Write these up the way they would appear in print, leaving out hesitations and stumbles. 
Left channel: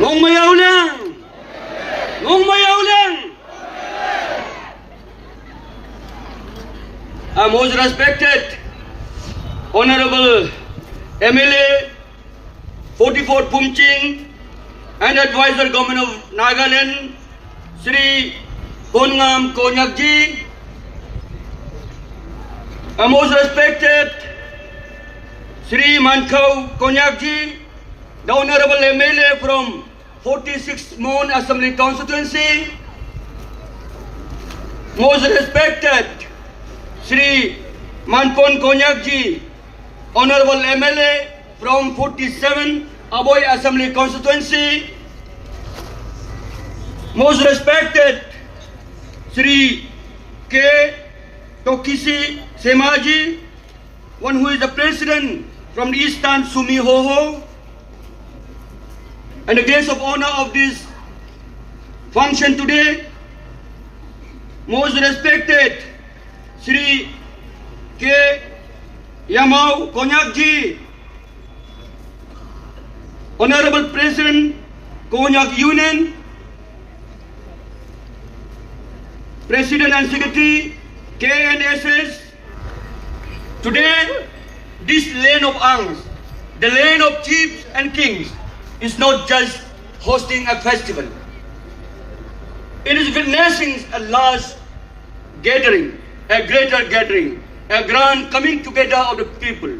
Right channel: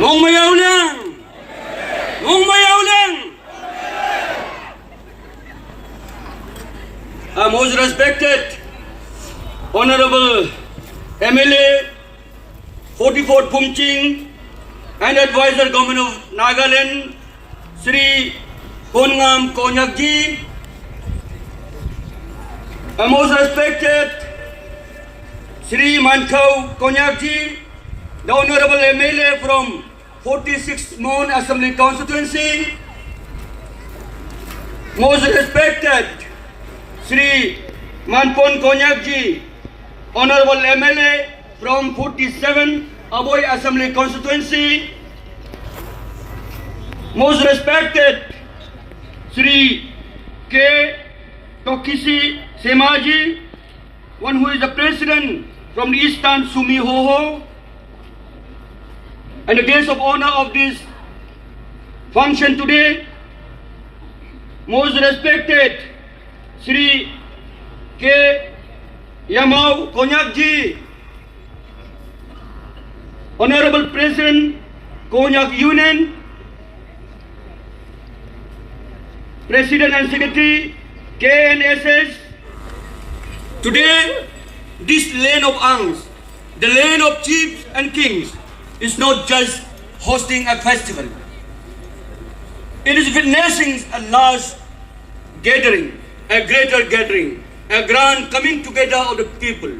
Ngong Mayaw lang! Ngong Mayaw lang! Most respected Honorable MLA 44 Phumching and Advisor Government of Nagaland Sri Konngam Konyakji, most respected Sri Mankau Konyakji, the Honorable MLA from 46th Mon Assembly Constituency, most respected Sri Manpon Konyakji, Honorable MLA from 47 Aboy Assembly Constituency, most respected Sri K. Tokisi Semaji, one who is the President from the Eastern Sumi Hoho, and the guest of honor of this function today, most respected Sri K. Yamau Konyakji, Honorable President Konyak Union, President and Secretary KNSS. Today, this land of Angs, the land of chiefs and kings, is not just hosting a festival. It is witnessing a large gathering, a greater gathering, a grand coming together of the people,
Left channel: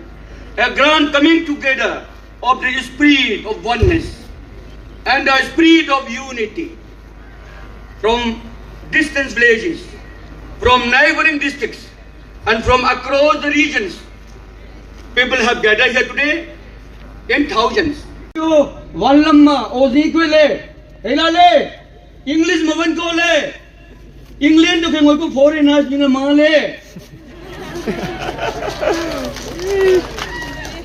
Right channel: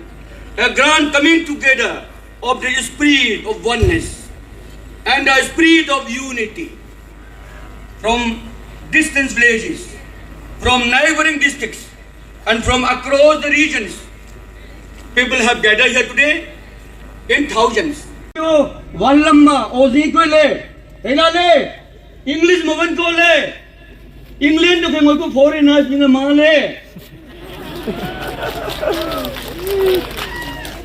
a grand coming together of the spirit of oneness and the spirit of unity. From distant villages, from neighboring districts, and from across the regions, people have gathered here today in thousands. Wallamma ozi ko le, elale, English mavan ko le, English to kung ko foreigners ni male.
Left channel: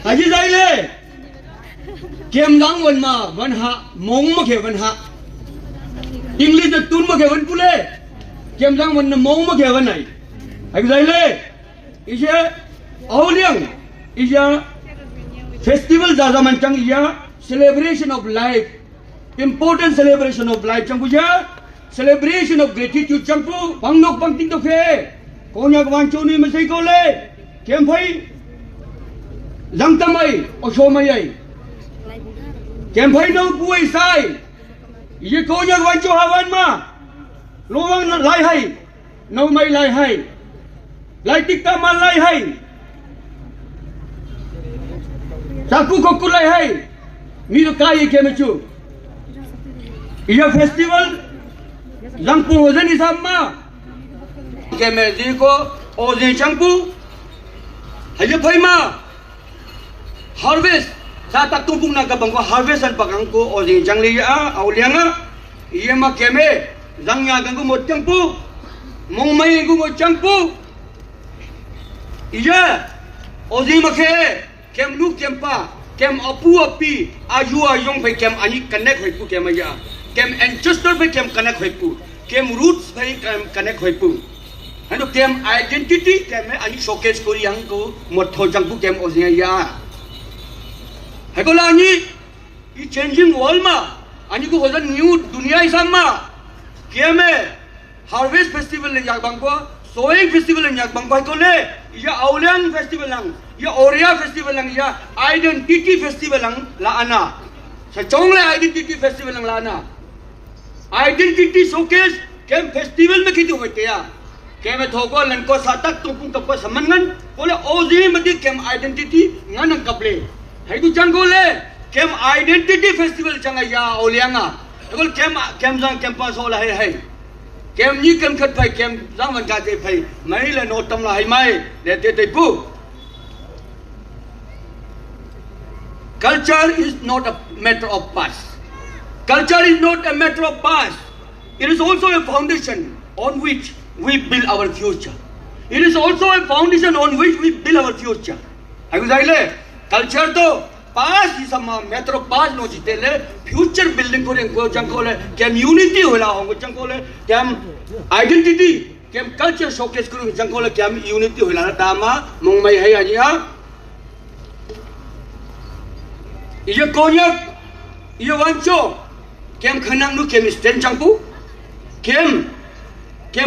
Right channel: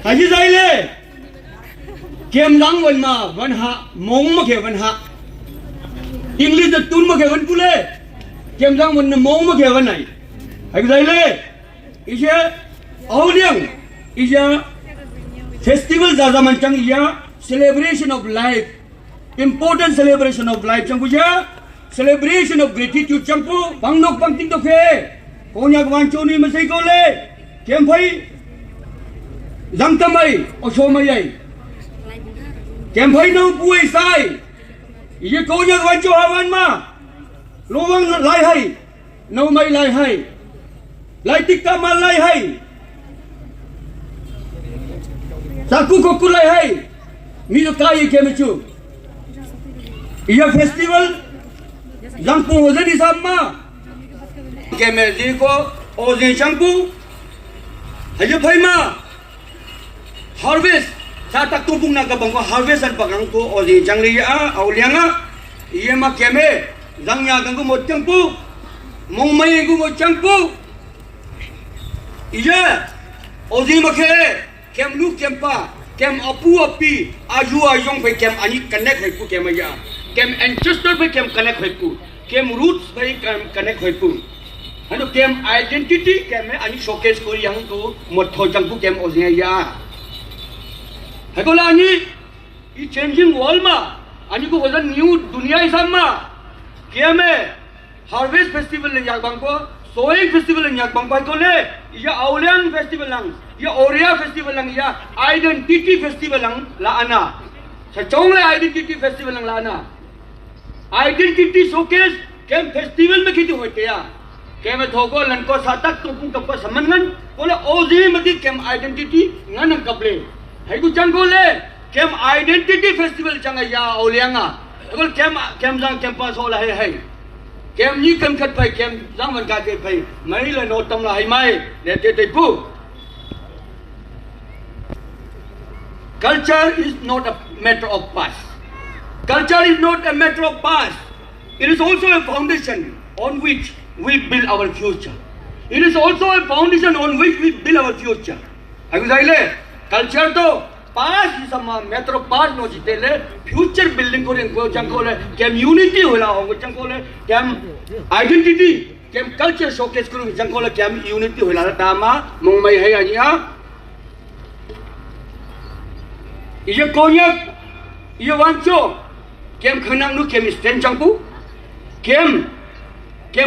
Haji zaile, kem lang wan ma wan ha, mong ma ke wan ha. English to tun ma ke wan pule, kem lang wan na mong ma ke wan ai. Haji zaile, isya auliang, isya festival zaza mancang isya celebration of life, important celebration of life. Changpu ya celebration of gratitude. Changpu pangnok pangting to ke, konyak wancho ni masai ko le, kem phai, zangtamai, oshomayai, kem phai no puai sai, ye konyak wancho hawan ma, lowang lai hai, no mai lai hai, lai tikka ma lai hai, saku kokku lai hai. Milo kaya kemechu. Ia festival yang pengozen di sama. Kemezi ko ozen changpu. Haja phaima harvest satak tumpung naga bangko harvest an pagang ko ozen changli ya aulianga. Ia ma keme zangnya ganggu mo changpu. Mongmai ganggu mo changpu. Ia ozen makhe kem lu kempa. Kem apu api aju ajong pe kem ani connect hai pu kem ya kem ancestor pe kem connect hai pu kem roots pe kem connect hai pu hanu kem identity kem ani showcase ko yang ko mot tho jang pu kem oznya ya hai ko la ani I changing world ma ani ko hoja new dunia isam ma kem harvest festival le jak bang ko sowing festival le jak bang ko le ya aulian festival lang ya Oria festival lang ya identity festival lang la ana sa chong le identity festival lang la ana identity showcase kem festival में कितु होते या kem थोको लनको सातक तुपुं तप्पा समन्गन बोला ओजी मति kem identity ngan कपले है कुछ जंगो ले kem identity festival चंगा या ओलियांगा बोल kem जंग kem पास होला है kem ni kem खत भाई kem जंग मन काजे भाई मरी ले नोटम ला है माय लेते ते पु. Culture is not a matter of past. Culture is not a matter of past. It is also a foundation on which we build our future. It is also a foundation on which we build our future. Culture to past is a matter of past no jitele future building ko jangkole kem unity hola hongo jangkole kem identity kem culture showcase kuru jangkole kem unity hola dama mongmai hai aja. Iya konyak, iya wancho, kem khanang nu kem stand changpu kem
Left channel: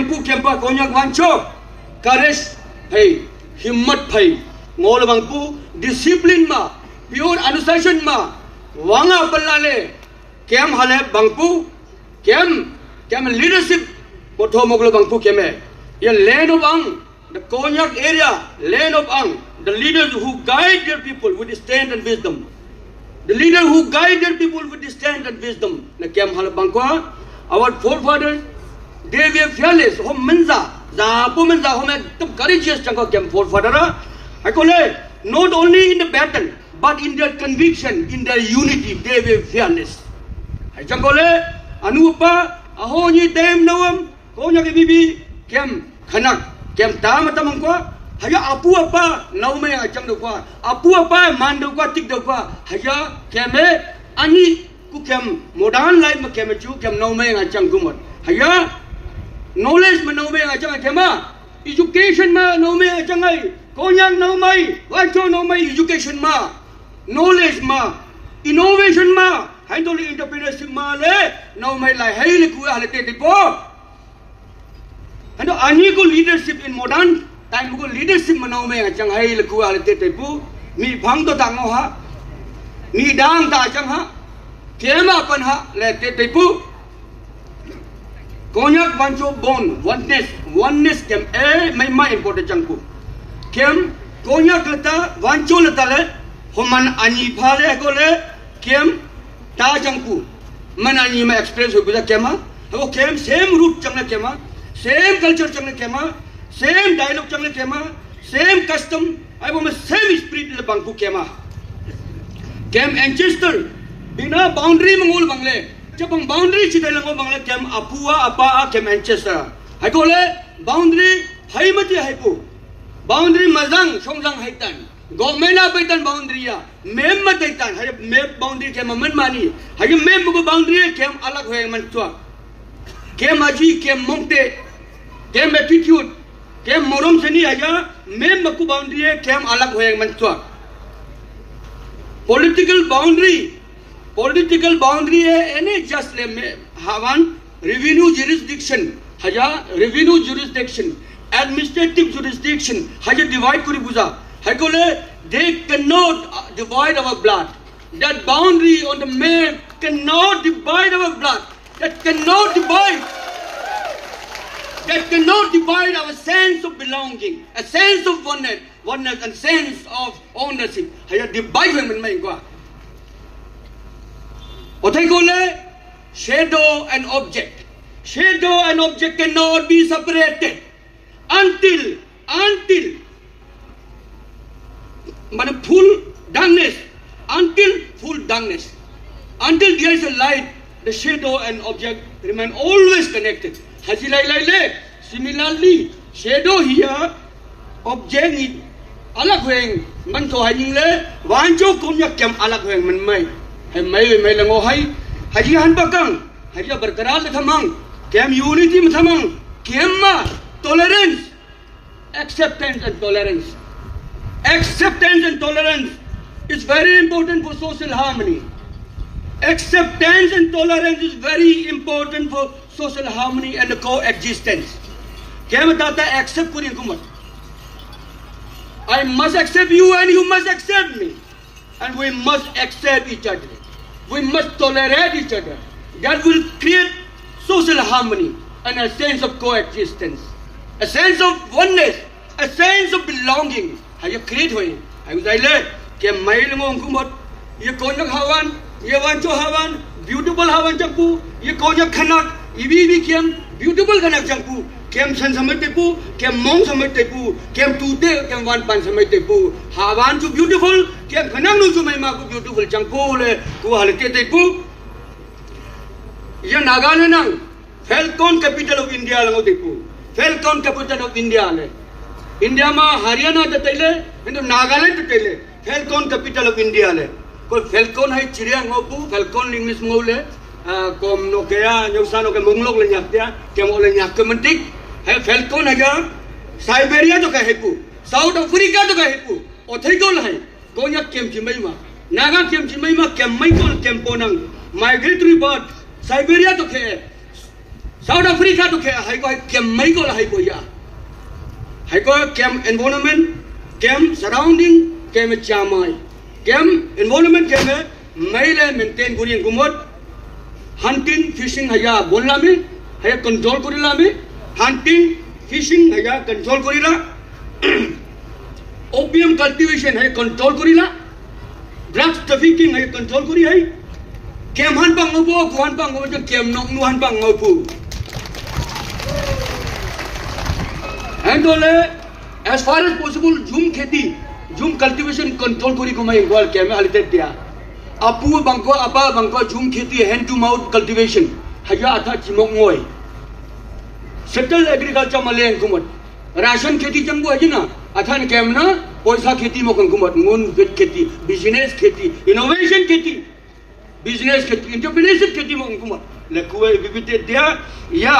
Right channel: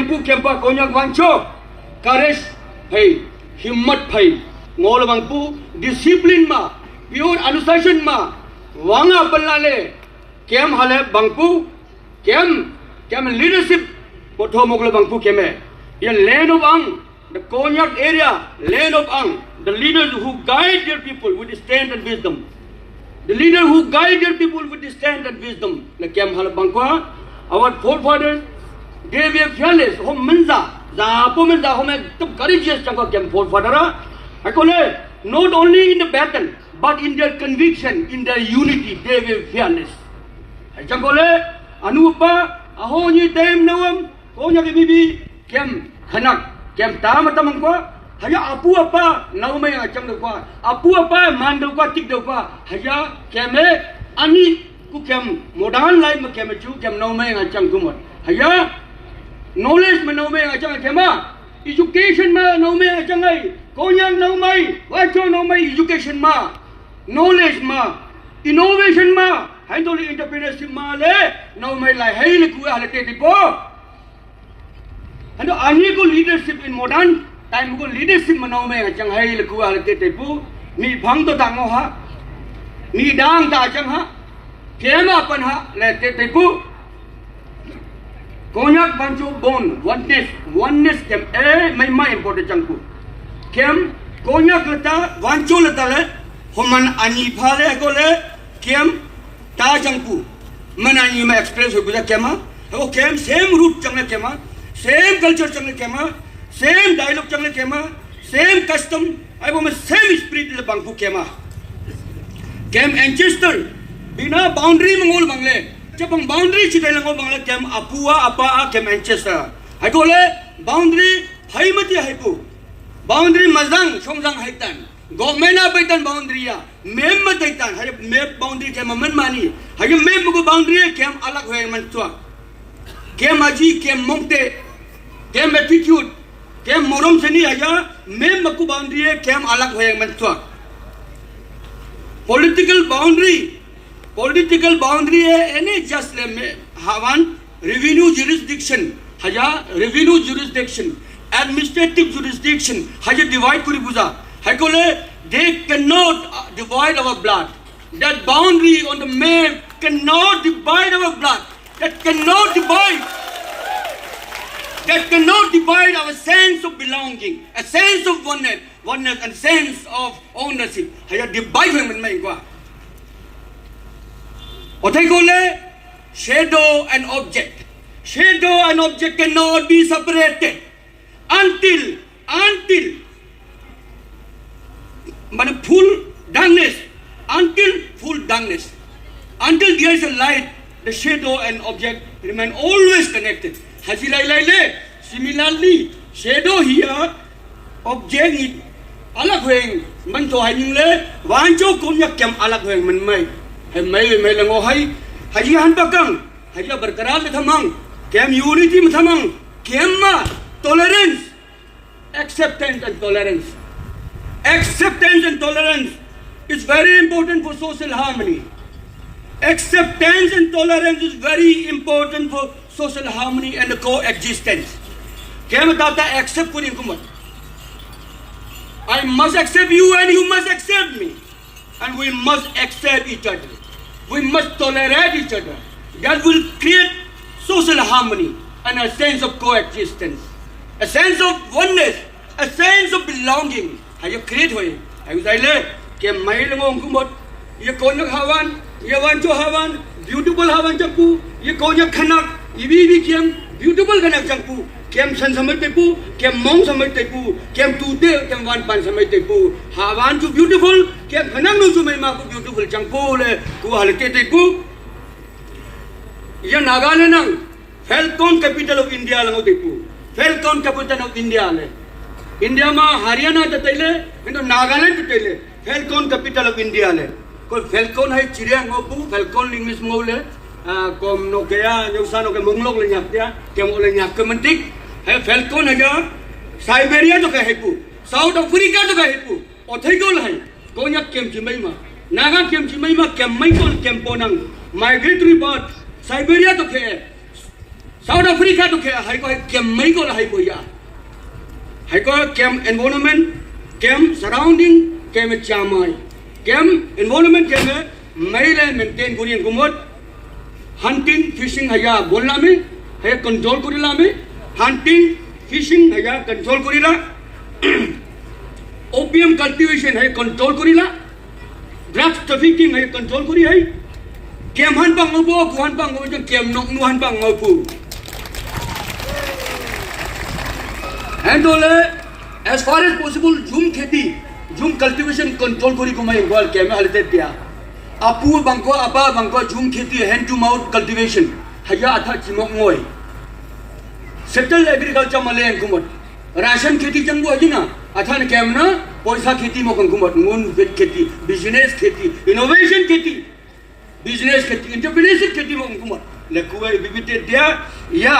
pu kem pa konyak wancho courage hai himmat phai ngol bang pu discipline ma pure अनुशासन ma wanga balale kem hale bang pu kem leadership potho mogle bang pu kem ye land of ang the konyak area land of ang the leaders who guide their people with stand and wisdom. The leader who guide their people with stand and wisdom. Na kem hal bangkwa, our forefathers, they were fearless. Hom menza, zapo menza, hom ekdam courageous changwa kem forefather. I call it not only in the battle, but in their conviction, in their unity, they were fearless. I call it anupa, aho ni dem nawam, konya ke bibi kem khanak, kem tamatamangkwa. Hanya apu apa naume acang dokwa apu apa man dokwa tik dokwa hanya keme ani ku kem modern life ma keme chu kem naume acang kumot hanya knowledge ma naume acang kema education ma naume acang ai konyang naumai wacho naumai education ma knowledge ma innovation ma handle entrepreneurship ma le naumai lai hai le ku hale te tipo and ani ku leadership in modern time ko leadership manau me chang hai le ku al te te pu ni phang to tang ha ni dang ta chang ha kema pan ha le te pu konyak bancho bon oneness kem mai important chang pu kem konyak lata bancho lata le homan ani phale ko le kem ta chang pu man ani ma experience ho bisa kema ho kem same root chang le kema same culture chang le kema same dialogue chang le kema same custom ai bo me same spirit le bangku kema kem ancestor bina boundary mangol bangle jab boundary chidai le bangle kem apua apa kem ancestor hai ko le boundary hai mati hai ko boundary mazang songjang hai tan gomena betan boundary ya mem mate tan hai mem boundary kem man mani hai mem ko boundary kem alag hoy man chwa kem aji kem mongte kem attitude kem morom seni aja mem maku boundary hai kem alag hoy man chwa political boundary hai ene just le hawan revenue jurisdiction haja revenue jurisdiction administrative jurisdiction haja divide kuri buza haikole they cannot divide our blood that boundary on the map cannot divide our blood that cannot divide our sense of belonging, a sense of oneness and sense of ownership. Haya divide man mai kwa. Othai kole shadow and object cannot be separated until full darkness, until there is a light, the shadow and object remain always connected. Similarly, shadow here, object is alag hoeng man to haning le wancho komyak kem alag hoeng man mai hai lango hai haji han bakang haji berkeral le thamang kem unity me thamang kem ma tolerance acceptance and tolerance is very important for social harmony. Acceptance and tolerance is very important for social harmony and coexistence. Kya batata accept kuri kumat. I must accept you and you must accept me. And we must accept each other. We must tolerate each other. That will create social harmony and a sense of coexistence. A sense of oneness. A sense of belonging. Haya create hoy. Haya say le ke mai ngong kumot ye konak hawan ye wancho hawan beautiful hawan champu ye konak khanak ibi kem beautiful khanak champu kem san samai tepu kem mong samai tepu kem tude kem wan pan samai tepu hawan chu beautiful kem khanak nu chu mai ma ku beautiful champu le ku hal ke tepu ye Nagaland nang Falcon capital of India lango tepu Falcon capital of India le India ma Haryana tatele indo Nagaland tatele Falcon capital of India le ko Falcon hai चिड़िया ngopu Falcon English ngole kom no kaya nyusa no ke monglok le nyak dia ke mo le nyak ke mentik hai Falcon haga Siberia to ka hepu South Africa to ka hepu othai gol hai konya kem chimai ma naga kem chimai ma kem mai kon kem ponang migratory bird Siberia तो खे south Africa तो खे high को केम मई को high को या high को केम environment केम surrounding केम चामार केम environment केम मई ले मेंटेन गुरियन गुमोट हंटिंग फिशिंग हया बोलना में हया कंट्रोल करिला में हंटिंग फिशिंग हया कंट्रोल करिला ओपियम कल्टीवेशन है कंट्रोल करिला ड्रग्स ट्रैफिकिंग है कंट्रोल करी है केम हन बांग ngô kuan bang ngô जो केम नोक नु हन बांग ngô पु एंड ओले as far as possible झूम खेती झूम कल्टीवेशन कंट्रोल करी को मैं गोल केम हलते दिया अपू बंको अपा बंको झूम खेती हैंड टू माउथ कल्टीवेशन हया अथा चिमोक ngoi सेटल एग्रीकल्चर मलेन कुमत राशन खेती जंगो है ना अथान केम ना पैसा खेती मोकन कुमत मुन खेती बिजनेस खेती इनोवेशन खेती बिजनेस खेती एंटरप्रेन्योरशिप खेती मोकन कुमत लकुए बिबिते dia ya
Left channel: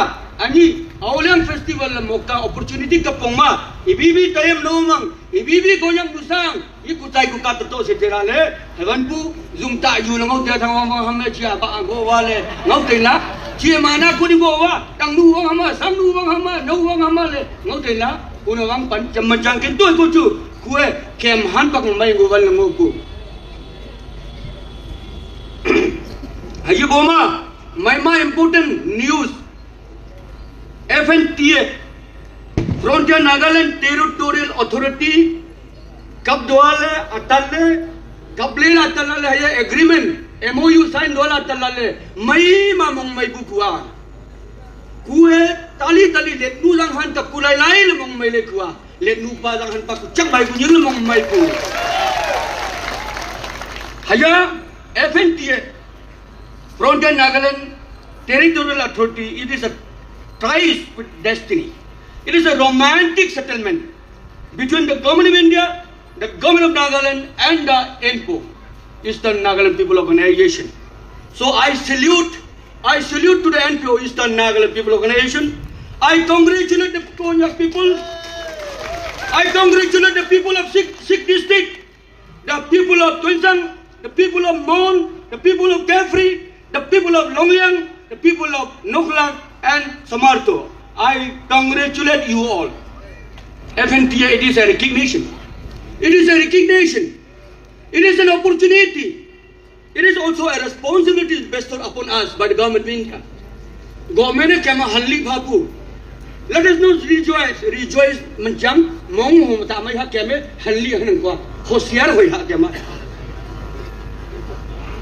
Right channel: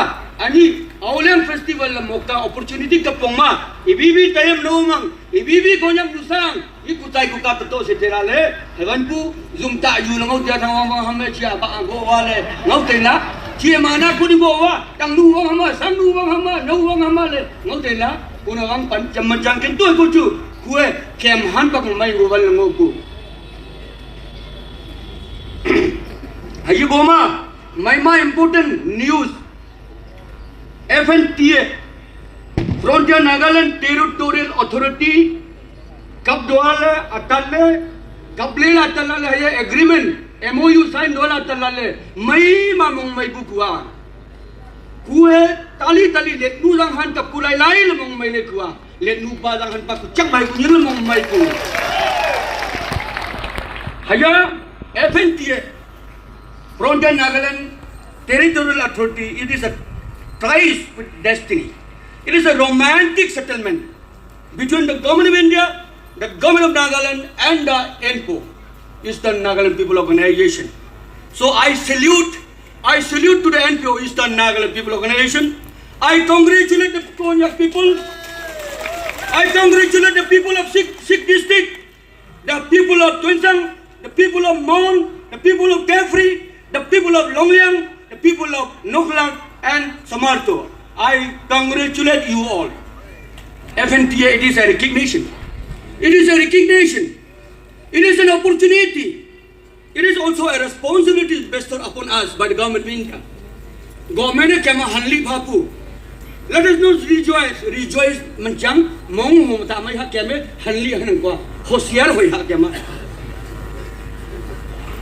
ani awlem festival mokta opportunity ka pongma ibibi tayem no mang ibibi gonyam nusang ikutai ku ka to se terale hewan pu zumta yu ngau dia thang ma hamme chia ba go wale ngau tela chia mana ku ni go wa tang nu wa ma sam nu wa ma no wa ma le ngau tela kuna wang pan jamajang ken to ku chu kuwe kem han pak mai go wal ngau ku hayu goma my important news FNTA Frontier Nagaland Territorial Authority कब दोला अतल्ले कब ले अतल्ले है agreement MOU sign दोला अतल्ले मई मामों मई बुकुआ कुए ताली ताली लेकनू जंग हन तक कुलाई लाई ले मों मई लेकुआ लेकनू पा जंग हन तक चक मई कुनी ले मों मई कु हया FNTA Frontier Nagaland Territorial Authority, it is a ties with destiny. It is a romantic settlement between the government of India, the government of Nagaland and the ENPO, Eastern Nagaland People Organization. So I salute to the ENPO, Eastern Nagaland People Organization. I congratulate the Konya people. I congratulate the people of Sikh district, the people of Tunsang, the people of Mon, the people of Kefri, the people of Longyang, the people of Noklang and Samarto. I congratulate you all. FNTA, it is a recognition. It is a recognition. It is an opportunity. It is also a responsibility bestowed upon us by the government of India. Government ne kema halli bhapu. Let us not rejoice manjang mong mong tamai ha keme halli hanen ko hoshiyar hoi ha kema.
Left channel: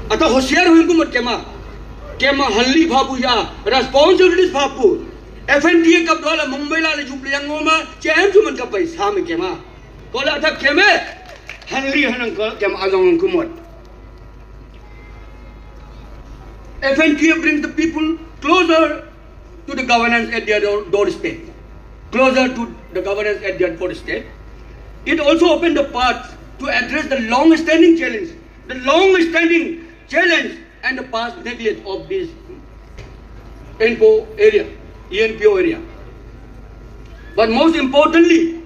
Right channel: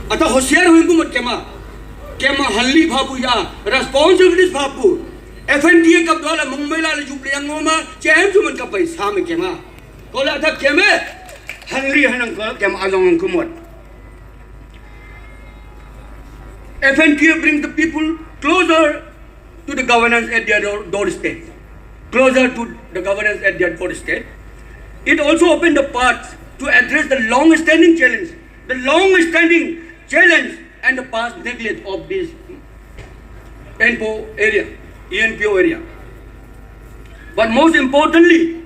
Ata hoshiyar hoi ko mat kema. केमा हल्ली भापू या responsibilities भापू FNTA कब दोले मुंबई लाले jubilee अंगोमा चेम चुमन का पैसा में केमा Cola था केमे हल्ली हनन को केम आगंग कुमत FNTA bring the people closer to the governance at their doorstep, closer to the governance at their doorstep. It also opened the path to address the long-standing challenge and the past neglect of this ENPO area. But most importantly,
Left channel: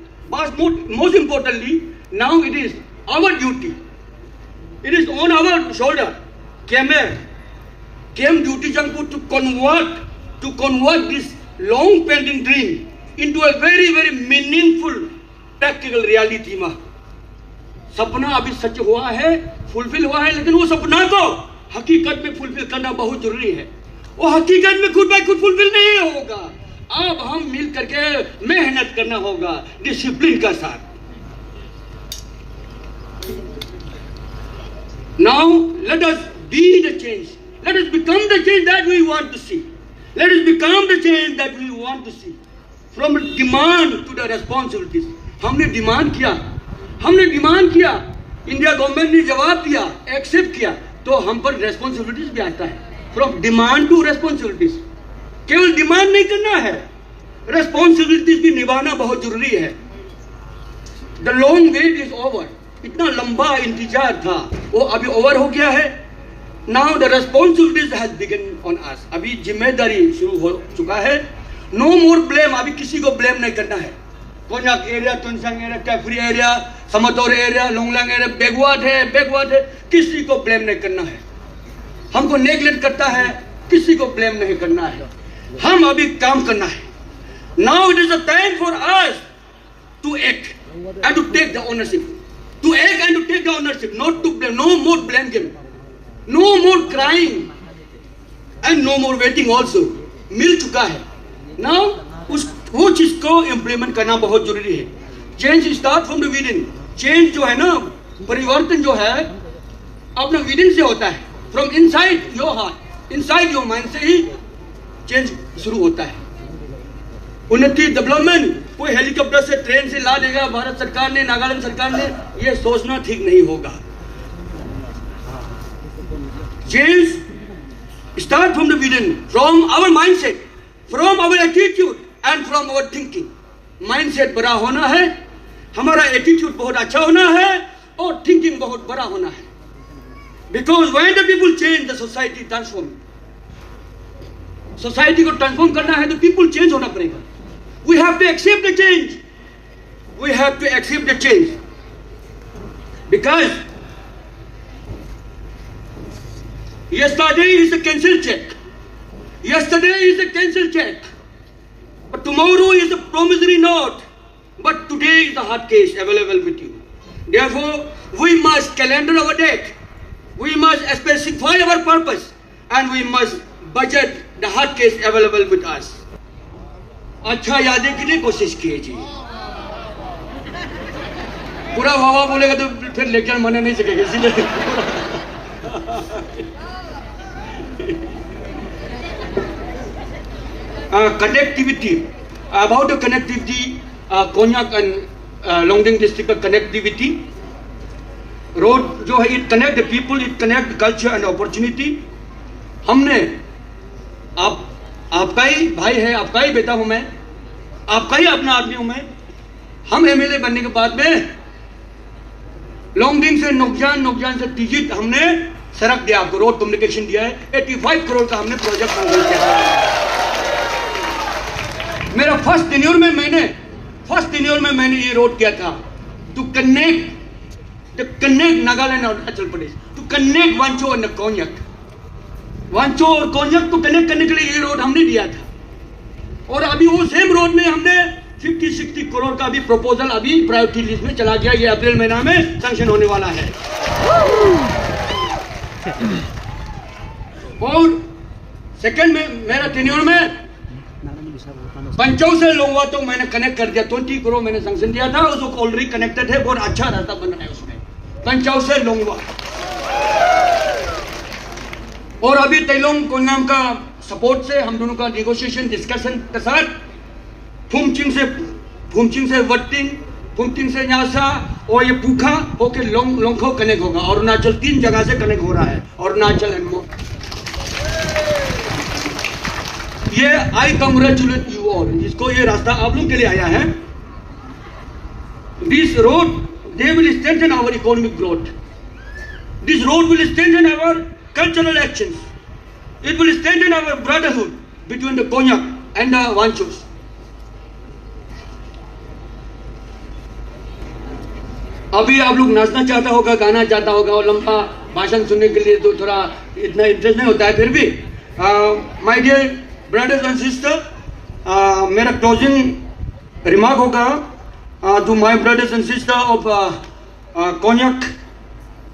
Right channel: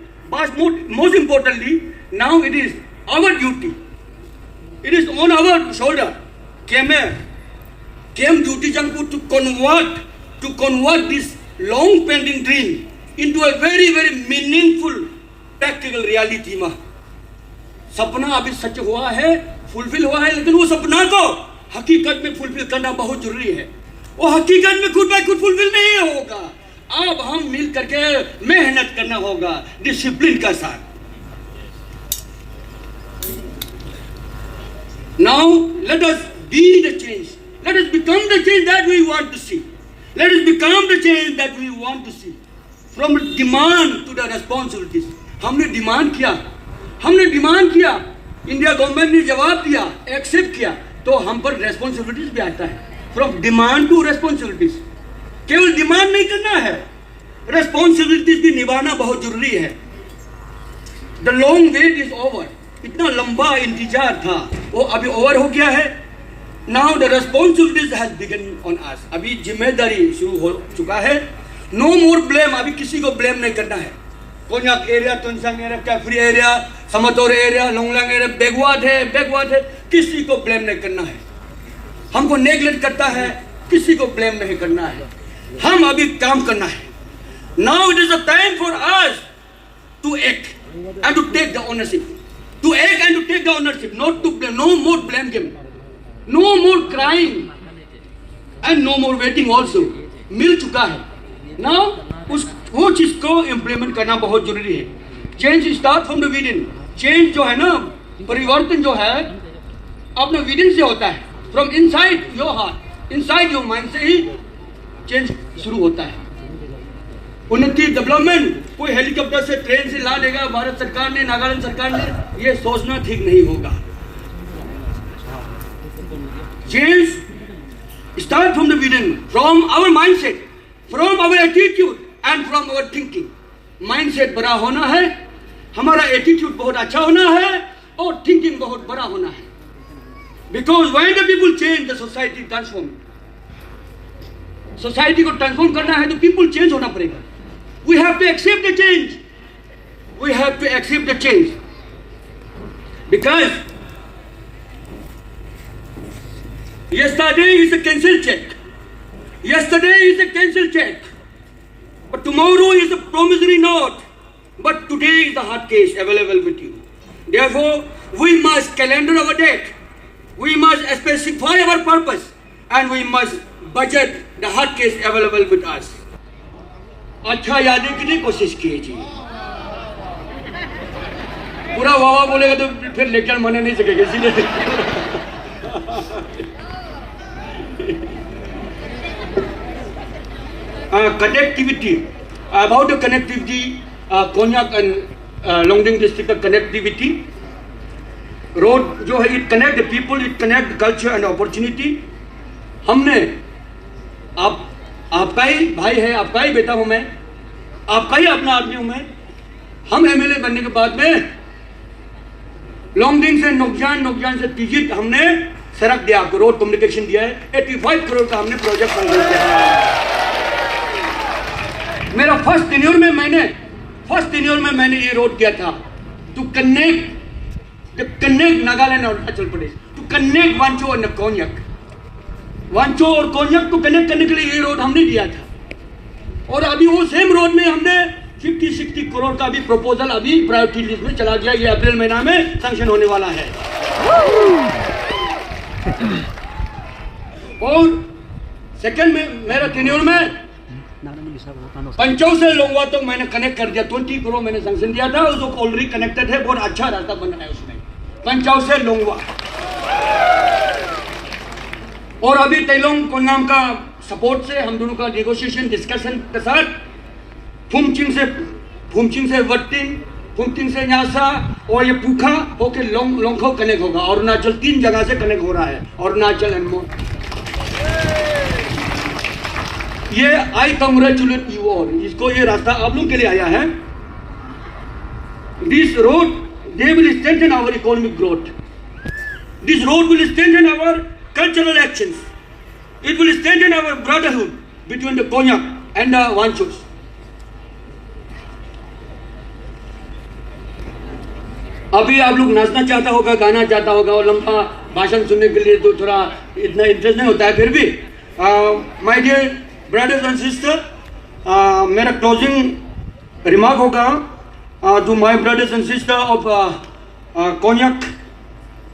now it is our duty. It is on our shoulder. Came duty jangku to convert this long pending dream into a very, very meaningful practical reality ma. सपना अभी सच हुआ है, fulfil हुआ है, लेकिन वो सपना को हकीकत में फुलफिल करना बहुत जरूरी है। वो हकीकत में खुद बाय खुद फुलफिल नहीं होगा। अब हम मिल करके मेहनत करना होगा डिसिप्लिन का साथ। Now let us be the change. Let us become the change that we want to see. Let us become the change that we want to see. From demand to the responsibilities. हमने demand किया, India government ने जवाब दिया, accept किया, तो हम पर responsibilities भी आता है। फ्रॉम डिमांड टू रेस्पॉन्सिबिलिटीज, केवल डिमांड नहीं करना है, रेस्पॉन्सिबिलिटीज भी निभाना बहुत जरूरी है। The long wait is over, इतना लंबा इंतजार था वो अभी ओवर हो गया है। Now the responsibilities has begin on us, अभी जिम्मेदारी शुरू हो चुका है। नो मोर ब्लेम, अभी किसी को ब्लेम नहीं करना है। Konyak area, Tuensang area, Kiphire area, Shamator area, Longleng area backward है, किसी को ब्लेम नहीं करना है। हमको नेगलेक्ट करता है, किसी को ब्लेम नहीं करना है, हम अभी काम करना है। Now it is a time for us to act and to take the ownership, to act and to take the ownership, not to blame, no more blame game, no more crime and no more waiting also. मिल चुका है now, वो चीज को implement करना बहुत जरूरी है। Change start from the within. Change जो है ना, परिवर्तन जो है अपना विदिन से होता है, from inside your heart, inside your mind से ही चेंज शुरू होता है। उन्नति, डेवलपमेंट कोई हेलीकॉप्टर से, ट्रेन से ला देगा भारत सरकार ने, नागालैंड सरकार ने, ये सोचना ठीक नहीं होगा। Change start from the within, from our mindset, from our attitude and from our thinking. Mindset बड़ा होना है, हमारा एटीट्यूड बहुत अच्छा होना है और थिंकिंग बहुत बड़ा होना है। Because when the people change the society transform. Society को ट्रांसफॉर्म करना है तो पीपल चेंज होना पड़ेगा। We have to accept the change, we have to accept the change, because yesterday is a cancelled check, yesterday is a cancelled check, but tomorrow is a promissory note, but today is the hard case available with you. Therefore we must calendar our date, we must specify our purpose, and we must budget the hard case available with us. अच्छा यादें के लिए कोशिश कीजिए। पूरा वाह बोलेगा तो फिर लेक्चर माने नहीं सकेगा, इसलिए connectivity, about the connectivity, Konyak and Longding district का connectivity, road जो है it connect the people, it connect the culture and opportunity। हमने आपका ही भाई है, आपका ही बेटा हूं मैं, आपका ही अपना आदमी हूं मैं। हम एमएलए बनने के बाद में लॉन्गडिंग से नोकजान, नोकजान से तिजित हमने सड़क दिया, आपको रोड कम्युनिकेशन दिया है। 85 करोड़ का हमने प्रोजेक्ट संकल्प किया है। मेरा फर्स्ट टेन्योर में मैंने ये रोड किया था, टू कनेक्ट नागालैंड और अरुणाचल प्रदेश, टू कनेक्ट वांचो और कोन्याक, वांचो और कोन्याक को कनेक्ट करने के लिए ये रोड हमने दिया था। और अभी वो सेम रोड में हमने 50-60 करोड़ का भी प्रपोजल अभी प्रायोरिटी लिस्ट में चला गया, ये अप्रैल महीना में सैंक्शन होने वाला है। और सेकंड में मेरा टेन्योर में पंचौ से लोंगवा तो मैंने कनेक्ट कर दिया, 20 करोड़ मैंने सैंक्शन दिया था, उसको ऑलरेडी कनेक्टेड है, बहुत अच्छा रास्ता बन रहा है उसमें, पंचौ से लोंगवा। और अभी तेलोंग कोन्याम का सपोर्ट से हम दोनों का नेगोशिएशन डिस्कशन के साथ फुमचिंग से वट्टिंग, फुमचिंग से न्यासा और ये पूखा होके लोंगखो कनेक्ट होगा। अरुणाचल 3 जगह से कनेक्ट हो रहा है, अरुणाचल एंड मोर। ये आई कंग्रेचुलेट यू ऑल, जिसको ये रास्ता आप लोग के लिए आया है। This road they will strengthen our economic growth, this road will strengthen our cultural actions, it will strengthen our brotherhood between the Konyak and the Wanchos. अभी आप लोग नाचना चाहता होगा, गाना चाहता होगा, और लंबा भाषण सुनने के लिए तो थोड़ा इतना इंटरेस्ट नहीं होता है। फिर भी my dear brothers and sister, मेरा क्लोजिंग रिमार्क होगा to my brothers and sister of Konyak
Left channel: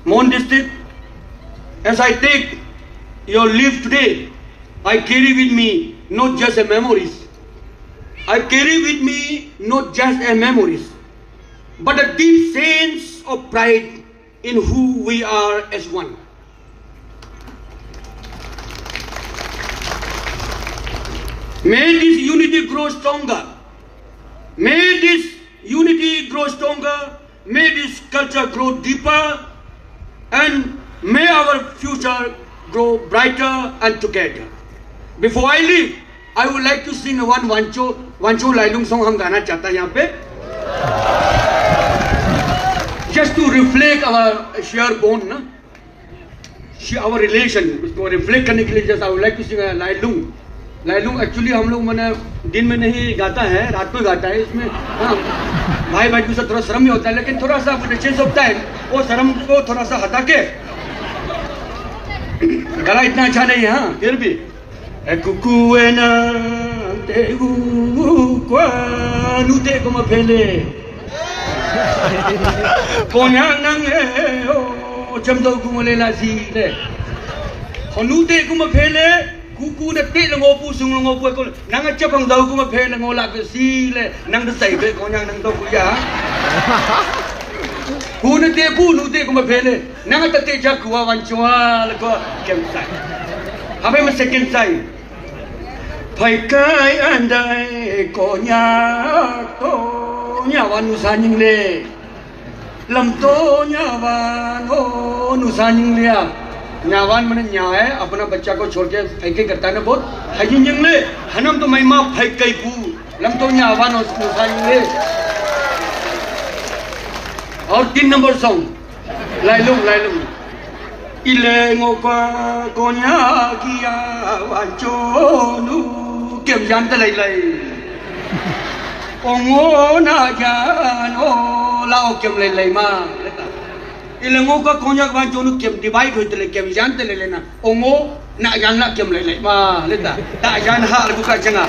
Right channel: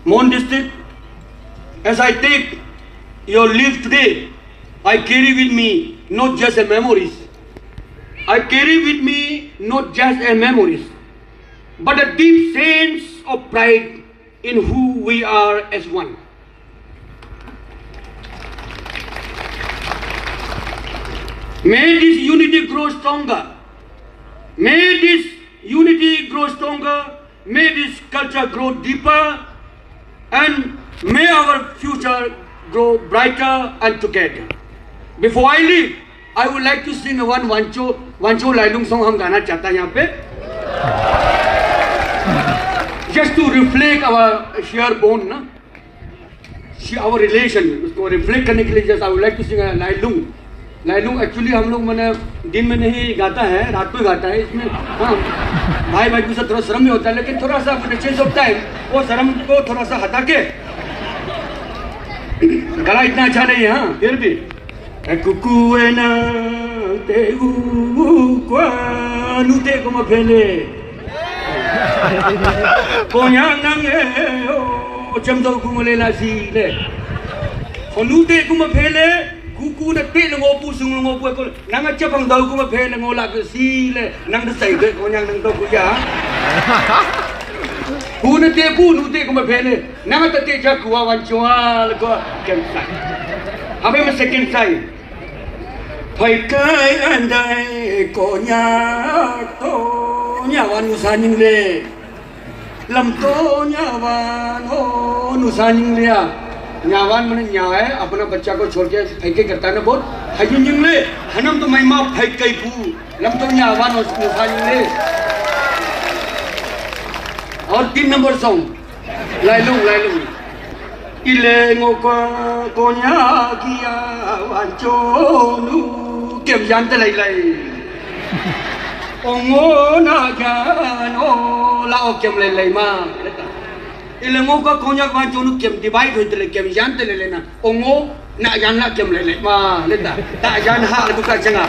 Mon district. As I take your leave today, I carry with me not just a memories, I carry with me not just a memories, but a deep sense of pride in who we are as one. May this unity grow stronger. May this unity grow stronger. May this culture grow deeper. And may our future grow brighter and together. Before I leave, I would like to sing one Wancho Lailung song हम गाना चाहता है यहाँ पे। Just to reflect our shared bond, ना, our relation, उसको reflect करने के लिए जैसा I would like to sing a Lailung. Lailung actually हम लोग मैंने दिन में नहीं गाता है, रात को गाता है। इसमें हाँ भाई भाई से थोड़ा शर्म नहीं होता है, लेकिन थोड़ा सा चेंज होता है, वो शर्म को थोड़ा सा हटा के, गला इतना अच्छा नहीं है हाँ, फिर भी Kukuena te kwa nu te kuma pele konya nange o chamdo kumale la si le nu te kuma pele kuku na te ngo pu sung ngo pu ko nanga chapang dau kuma pele ngo la ka si le nang da sai ke konya nang do ku ya pu na te pu nu te kuma pele nanga ta te ja kuwa wan chwa le ko kem sai abai ma second sai phải cái anh đây có nhà văn nu sa nhưng lệ làm có nhà văn हो nu sa nhưng lệ nhà văn मैंने nhà है अपना बच्चा को छोड़ के phải cái करता है ना बहुत है nhưng lệ हम तो महिमा phải cái पू làm तो nhà văn हो nu sa nhưng lệ और 3 number song lại lung ile ngô có nhà kia văn cho nu kiểm gián tới lại ông ngô na cha ngô lao kiểm lại mà ile ngô có con nhắc văn cho nó kiểm divide thôi tới kiểm gián tới lại na ông ngô na gián la kiểm lại mà lên ta gián hạ là cái gì à.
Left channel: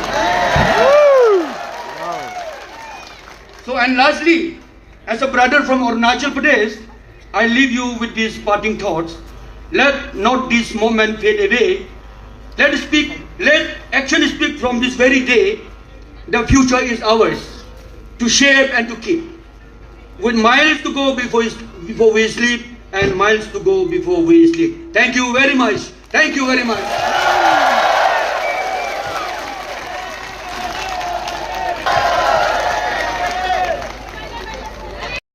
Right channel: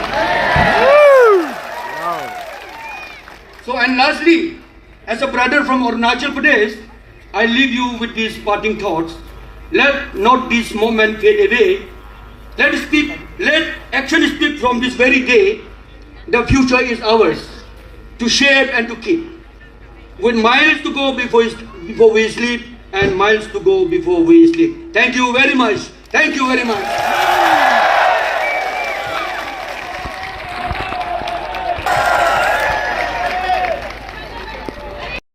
So and lastly, as a brother from Arunachal Pradesh, I leave you with these parting thoughts. Let not this moment fade away. Let action speak from this very day. The future is ours to shape and to keep. With miles to go before we sleep and miles to go before we sleep. Thank you very much. Thank you very much.